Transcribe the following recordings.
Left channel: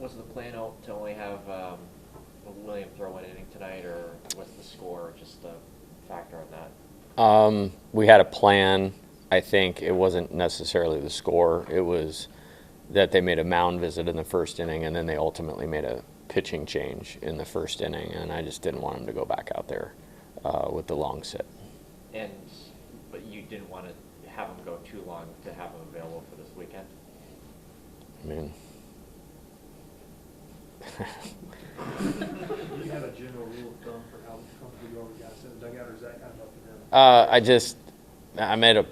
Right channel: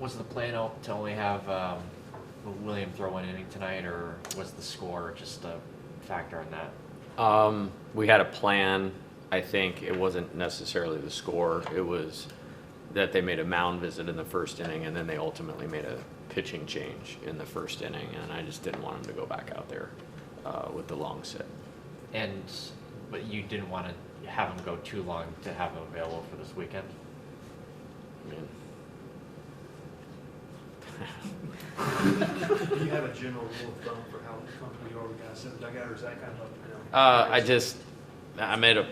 Was the plan to only have William throw an inning tonight, or was the score just a factor in that? We had a plan. I think it wasn't necessarily the score. It was that they made a mound visit in the first inning, and then they ultimately made a pitching change in the first inning, and I just didn't want him to go back out there with the long sit. But you didn't want to have him go too long to have him available for this weekend? I mean, Do you have a general rule of thumb for how comfortable you are with guys in the dugout, or is that kind of up to them?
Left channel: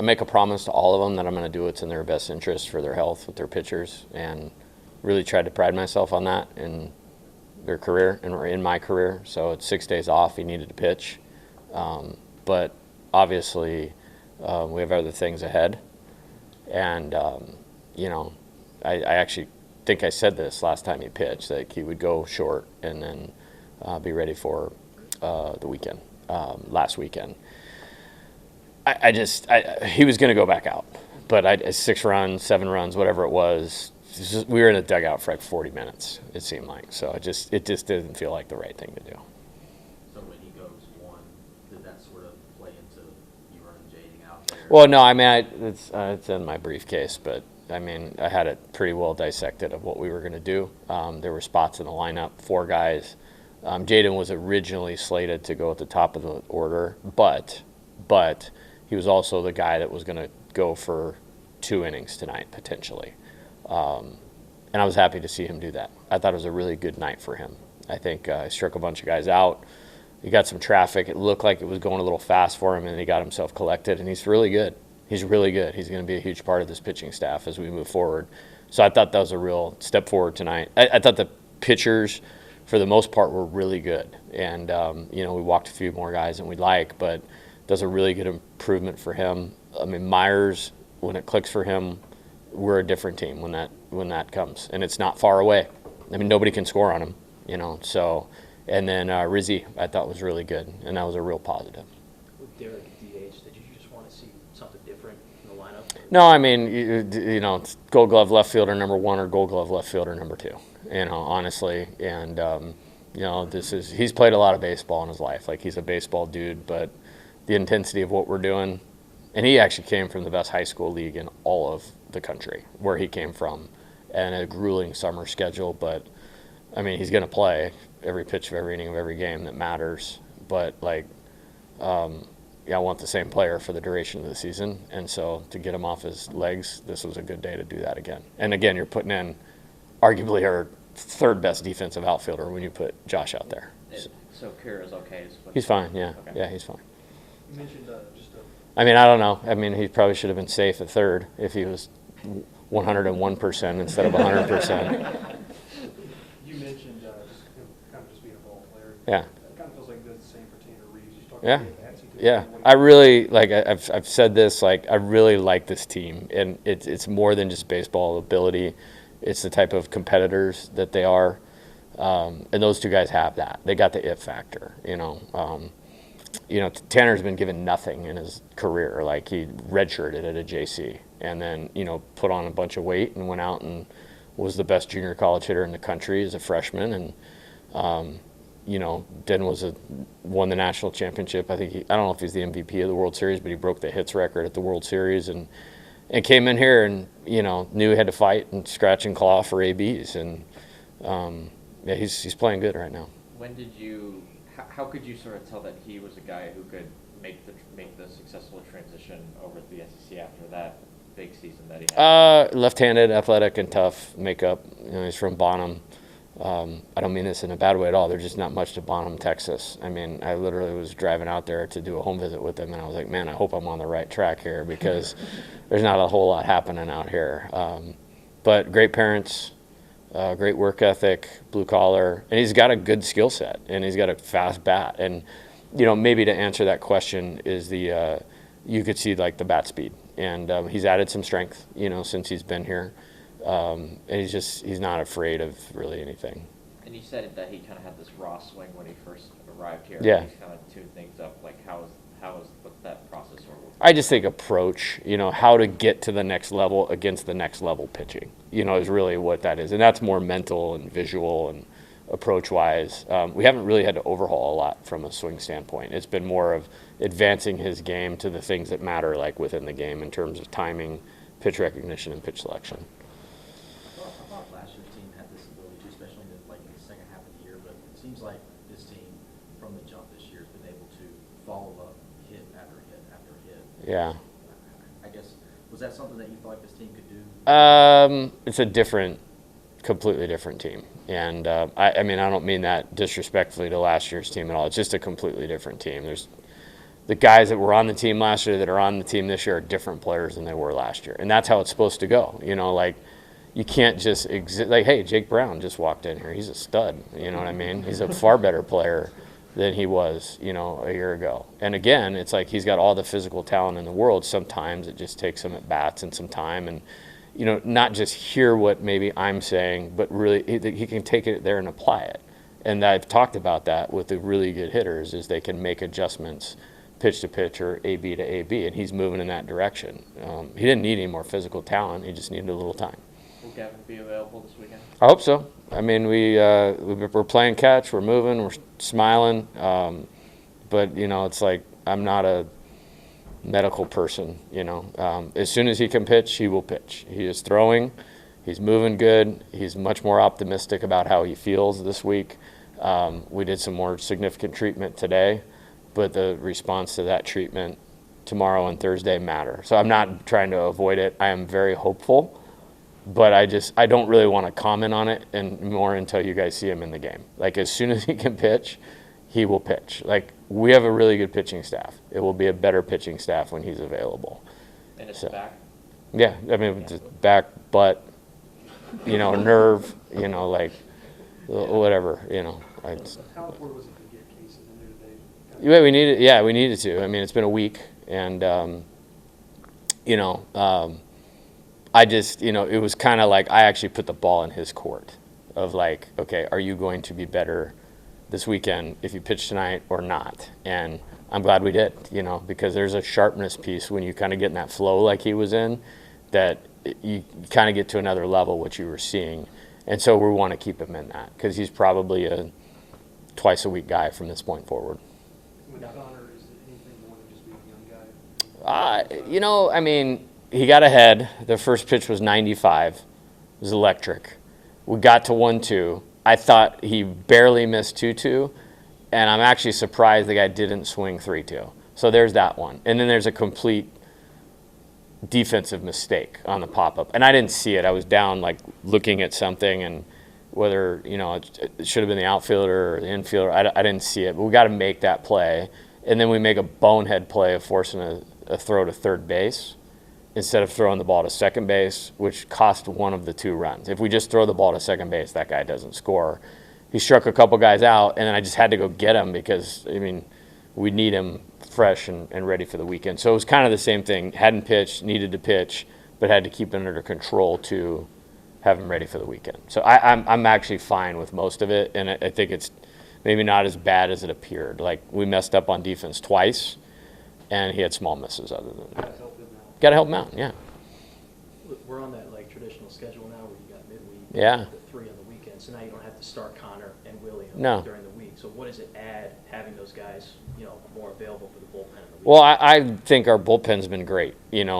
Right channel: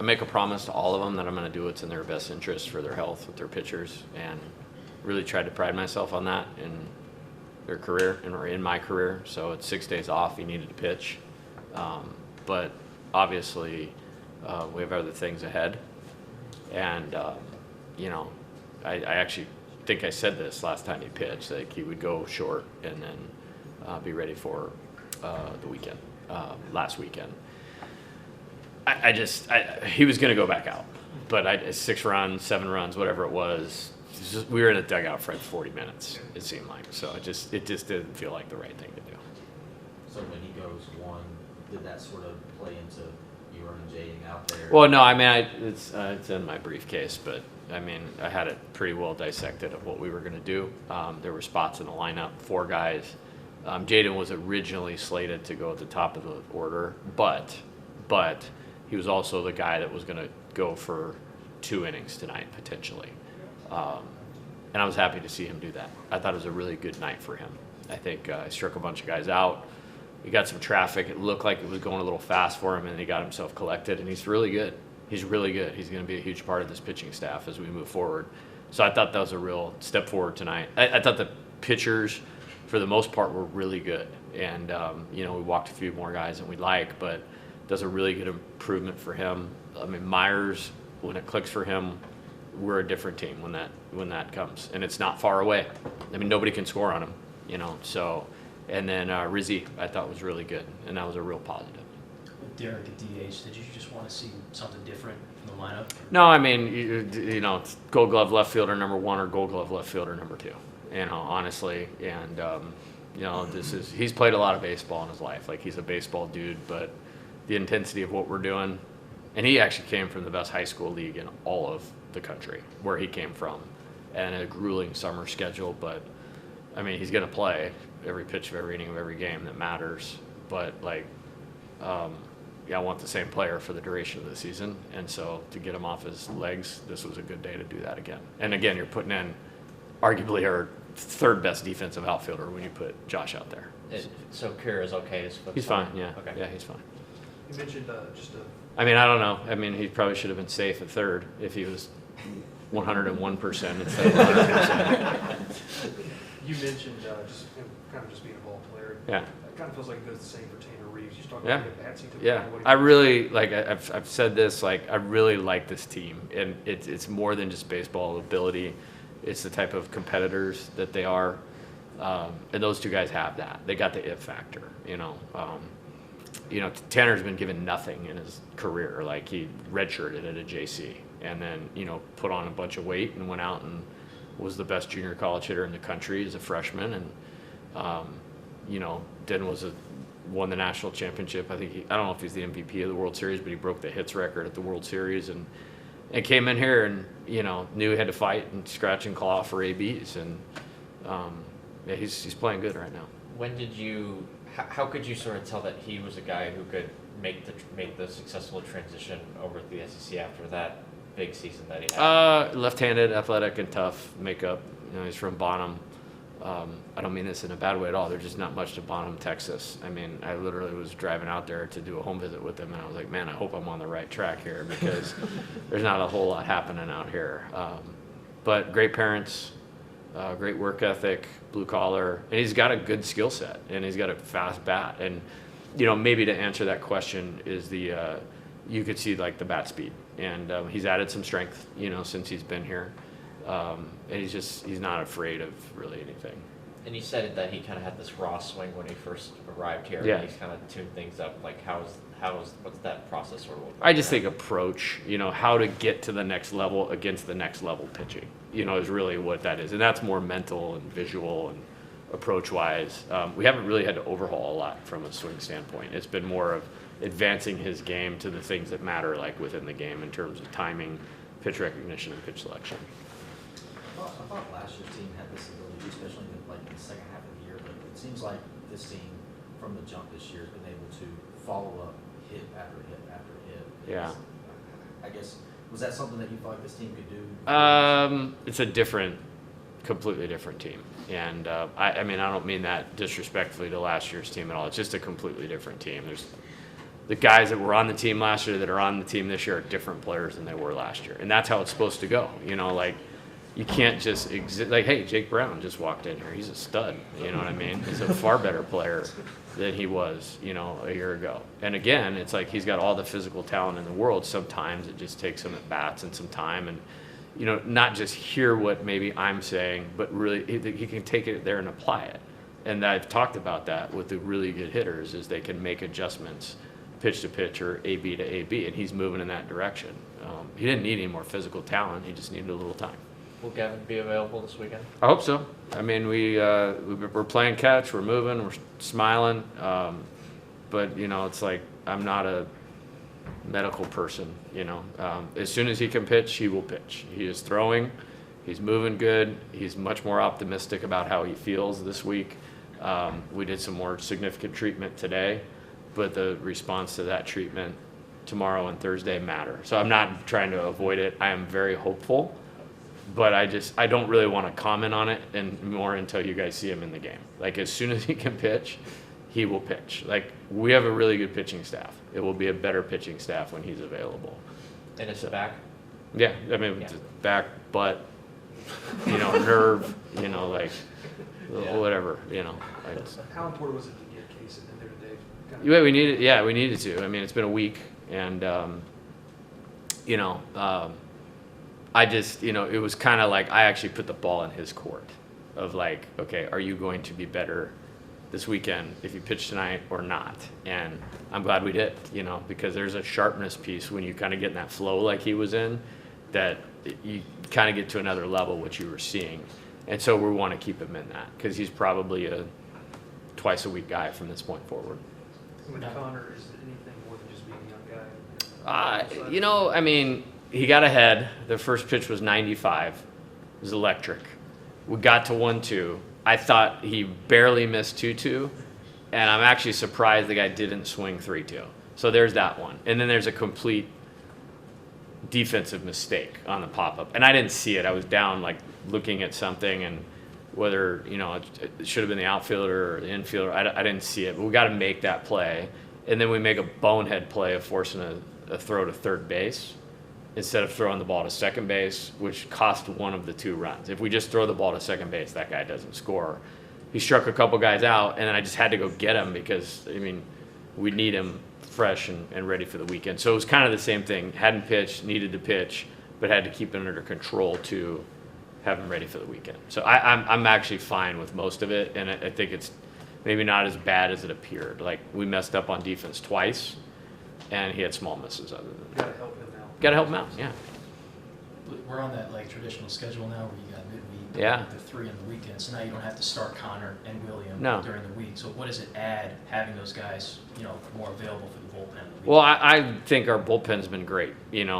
I make a promise to all of them that I'm going to do what's in their best interest for their health with their pitchers, and really tried to pride myself on that in their career and in my career. So it's 6 days off. He needed to pitch, but obviously we have other things ahead, and I actually think I said this last time he pitched, that he would go short and then be ready for the weekend, last weekend. He was going to go back out, but 6 runs, 7 runs, whatever it was, we were in a dugout for like 40 minutes, it seemed like. So it just didn't feel like the right thing to do. So when he goes one, did that sort of play into you and Jaden out there? Well, no, I mean, it's in my briefcase, but I mean, I had it pretty well dissected of what we were going to do. There were spots in the lineup, 4 guys. Jaden was originally slated to go at the top of the order, but he was also the guy that was going to go for 2 innings tonight, potentially. And I was happy to see him do that. I thought it was a really good night for him. I think he struck a bunch of guys out. He got some traffic. It looked like it was going a little fast for him, and he got himself collected, and he's really good. He's really good. He's going to be a huge part of this pitching staff as we move forward. So I thought that was a real step forward tonight. I thought the pitchers, for the most part, were really good. And, we walked a few more guys than we'd like, but does a really good improvement for him. I mean, Myers, when it clicks for him, we're a different team when that comes. And it's not far away. I mean, nobody can score on him, So, and then Rizzi, I thought was really good, and that was a real positive. With Derek at DH, did you just want to see something different in the lineup? No, I mean, it's Gold Glove left fielder number 1 or Gold Glove left fielder number 2. Honestly, and he's played a lot of baseball in his life. Like, he's a baseball dude, but the intensity of what we're doing, and he actually came from the best high school league in all of the country, where he came from, and a grueling summer schedule. But I mean, he's going to play every pitch of every inning of every game that matters. But I want the same player for the duration of the season, and so to get him off his legs, this was a good day to do that again. And again, you're putting in arguably our 3rd best defensive outfielder when you put Josh out there. So Kira's okay to split? He's fine, yeah. Okay. Yeah, he's fine. You mentioned I mean, I don't know. I mean, he probably should have been safe at 3rd if he was 101% instead of 100%. You mentioned just being a ball player. Yeah. It kind of feels like it does the same for Tanner Reeves. You talking Yeah. about the bats he took Yeah, away. I really I've said this. I really like this team, and it's more than just baseball ability. It's the type of competitors that they are, and those 2 guys have that. They got the it factor. Tanner's been given nothing in his career. Like, he redshirted at a JC, and then put on a bunch of weight and went out and was the best junior college hitter in the country as a freshman, and then won the national championship. I don't know if he's the MVP of the World Series, but he broke the hits record at the World Series, and came in here and knew he had to fight and scratch and claw for ABs, and he's playing good right now. How could you sort of tell that he was a guy who could make the successful transition over to the SEC after that big season that he had? Left-handed, athletic, and tough makeup. He's from Bonham. I don't mean this in a bad way at all. There's just not much to Bonham, Texas. I mean, I literally was driving out there to do a home visit with him, and I was like, man, I hope I'm on the right track here, because there's not a whole lot happening out here. But great parents, great work ethic, blue collar, and he's got a good skill set, and he's got a fast bat. And maybe to answer that question is you could see like the bat speed, and he's added some strength, since he's been here. And he's not afraid of really anything. And you said that he kind of had this raw swing when he first arrived here. Yeah. He's kind of tuned things up. Like, how what's that process or? I just think approach, how to get to the next level against the next level pitching, is really what that is. And that's more mental and visual and approach-wise. We haven't really had to overhaul a lot from a swing standpoint. It's been more of advancing his game to the things that matter, like within the game in terms of timing, pitch recognition, and pitch selection. I thought last year's team had this ability, especially in like the second half of the year, but it seems like this team from the jump this year has been able to follow up hit after hit after hit. Yeah. I guess, was that something that you thought this team could do? It's a completely different team. And I mean, I don't mean that disrespectfully to last year's team at all. It's just a completely different team. There's the guys that were on the team last year that are on the team this year are different players than they were last year. And that's how it's supposed to go. Like you can't just like, hey, Jake Brown just walked in here. He's a stud. You know what I mean? He's a far better player than he was, a year ago. And again, it's like he's got all the physical talent in the world. Sometimes it just takes him at bats and some time and, not just hear what maybe I'm saying, but really he can take it there and apply it. And I've talked about that with the really good hitters is they can make adjustments pitch to pitch or AB to AB, and he's moving in that direction. He didn't need any more physical talent. He just needed a little time. Will Gavin be available this weekend? I hope so. I mean, we're playing catch, we're moving, we're smiling, but it's like I'm not a medical person. As soon as he can pitch, he will pitch. He is throwing, he's moving good. He's much more optimistic about how he feels this week. We did some more significant treatment today, but the response to that treatment tomorrow and Thursday matter. So I'm not trying to avoid it. I am very hopeful. But I don't really want to comment on it and more until you guys see him in the game. Like as soon as he can pitch, he will pitch. Like we have a really good pitching staff. It will be a better pitching staff when he's available. And it's back? Yeah, I mean Yeah. It's back, butt, nerve, whatever, How important was it to get Case in there today? We needed to. I mean, it's been a week, and I just, it was kind of like I actually put the ball in his court of like, okay, are you going to be better this weekend if you pitch tonight or not? And I'm glad we did, because there's a sharpness piece when you kind of get in that flow like he was in that you kind of get to another level, which you were seeing. And so we want to keep him in that because he's probably a twice-a-week guy from this point forward. With Connor, is it anything more than just being a young guy? I mean, he got ahead. The first pitch was 95. It was electric. We got to 1-2. I thought he barely missed 2-2, and I'm actually surprised the guy didn't swing 3-2. So there's that one. And then there's a complete defensive mistake on the pop-up. And I didn't see it. I was down, like, looking at something, and whether, it should have been the outfielder or the infielder, I didn't see it. But we got to make that play. And then we make a bonehead play of forcing a throw to third base instead of throwing the ball to second base, which cost one of the 2 runs. If we just throw the ball to second base, that guy doesn't score. He struck a couple guys out, and then I just had to go get him because, we need him fresh and ready for the weekend. So it was kind of the same thing. Hadn't pitched, needed to pitch, but had to keep him under control to have him ready for the weekend. So I'm actually fine with most of it, and I think it's maybe not as bad as it appeared. Like, we messed up on defense twice, and he had small misses other than that. Got to help him out, yeah. We're on that like traditional schedule now where you got midweek, Yeah. the 3 on the weekend. So now you don't have to start Connor and William No. during the week. So what does it add having those guys, more available for the bullpen? Well, I think our bullpen's been great, and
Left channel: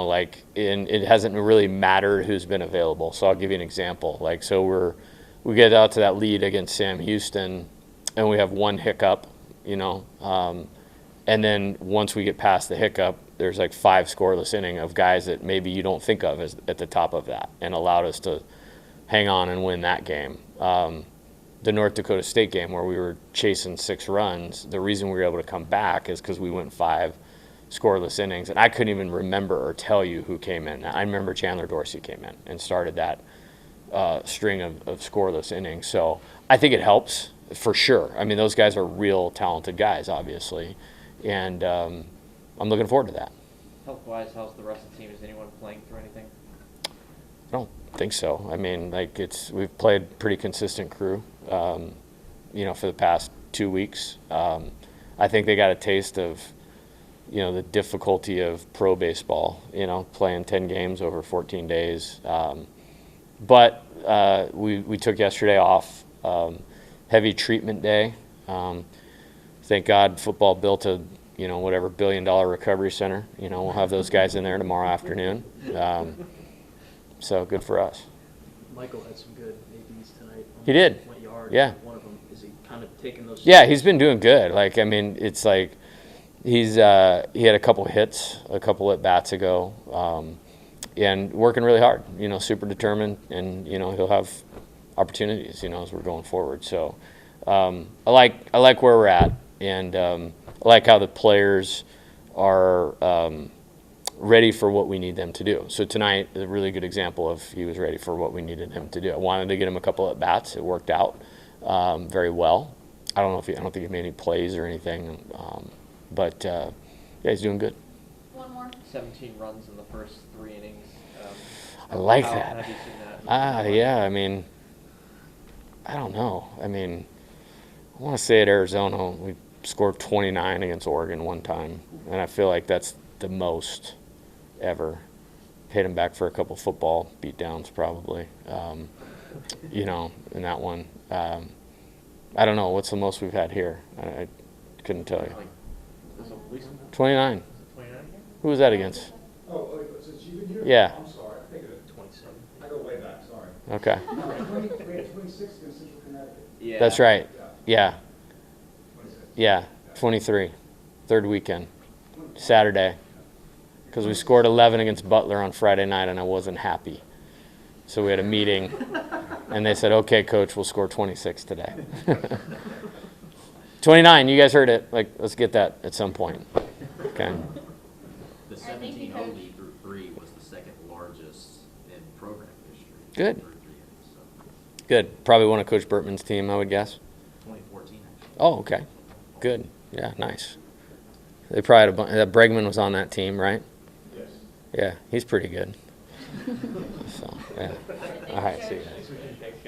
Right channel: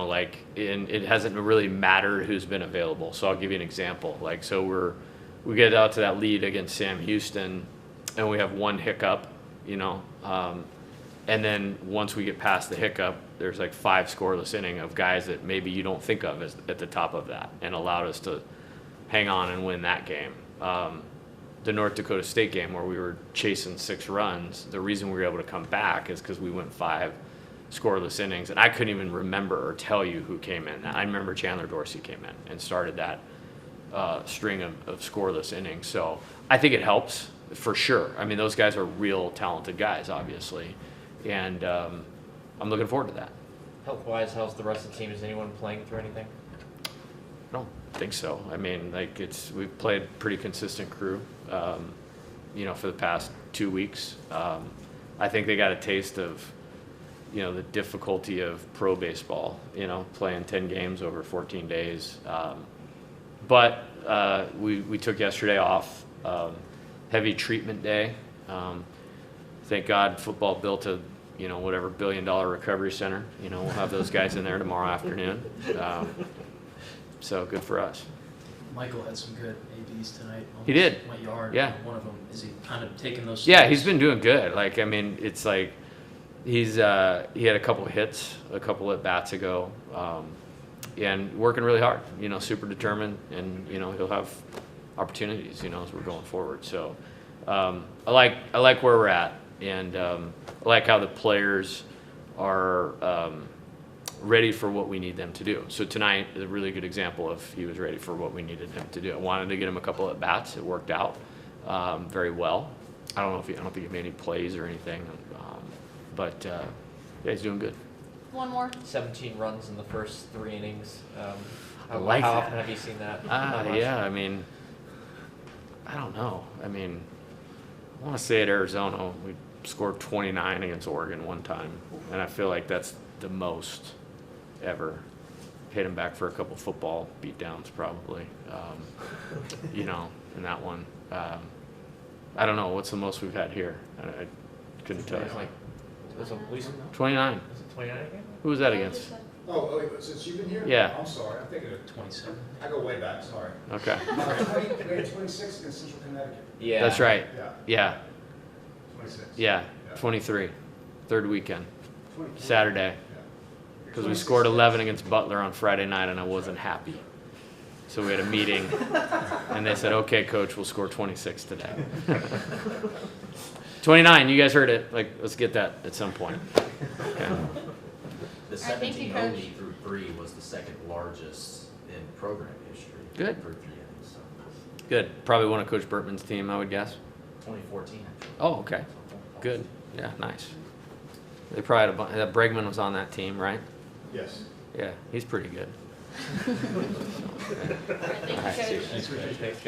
it hasn't really mattered who's been available. So I'll give you an example. So we get out to that lead against Sam Houston, and we have one hiccup, and then once we get past the hiccup, there's like 5 scoreless inning of guys that maybe you don't think of as at the top of that, and allowed us to hang on and win that game. The North Dakota State game where we were chasing 6 runs, the reason we were able to come back is because we went 5 scoreless innings, and I couldn't even remember or tell you who came in. I remember Chandler Dorsey came in and started that string of scoreless innings. So I think it helps for sure. Those guys are real talented guys, obviously, and I'm looking forward to that. Health-wise, how's the rest of the team? Is anyone playing through anything? I don't think so. We've played pretty consistent crew, for the past 2 weeks. I think they got a taste of, the difficulty of pro baseball, playing 10 games over 14 days. But we took yesterday off, heavy treatment day. Thank God football built a, whatever $1 billion recovery center. We'll have those guys in there tomorrow afternoon. So good for us. Michael had some good ABs tonight. He did. Went yard. Yeah. One of them, is he kind of taking those? Yeah, he's been doing good. It's like he had a couple hits, a couple at bats ago, and working really hard. Super determined, and he'll have opportunities. As we're going forward. So I like where we're at, and I like how the players are ready for what we need them to do. So tonight is a really good example of he was ready for what we needed him to do. I wanted to get him a couple at bats. It worked out very well. I don't think he made any plays or anything, but yeah, he's doing good. One more. 17 runs in the first 3 innings. I like how that. often have you seen that? Yeah. I don't know. I want to say at Arizona we scored 29 against Oregon one time, and I feel like that's the most ever. Hit him back for a couple football beatdowns probably. In that one. I don't know. What's the most we've had here? I couldn't tell you. Was it at least 29. was it 29 again? Who was that against? Oh, wait, since you've been here? Yeah. I'm sorry, I'm thinking of, 27. I go way back, sorry. Okay. 26 against Central Connecticut. Yeah. That's right. Yeah, Yeah. 26. Yeah. 23. Third weekend. Saturday. Because we scored 11 against Butler on Friday night, and I wasn't happy. So we had a meeting, and they said, okay, coach, we'll score 26 today. 29, you guys heard it. Let's get that at some point. Okay. The thank you, 17 Coach. OD through 3 was the second largest in program history. Good. Through 3 innings, so Good. Probably one of Coach Burtman's team, I would guess. 2014 actually. Oh, okay. Good. Yeah, nice. They probably had a bunch. Bregman was on that team, right? Yes. Yeah, he's pretty good. So, yeah. All right, see you guys. Thanks,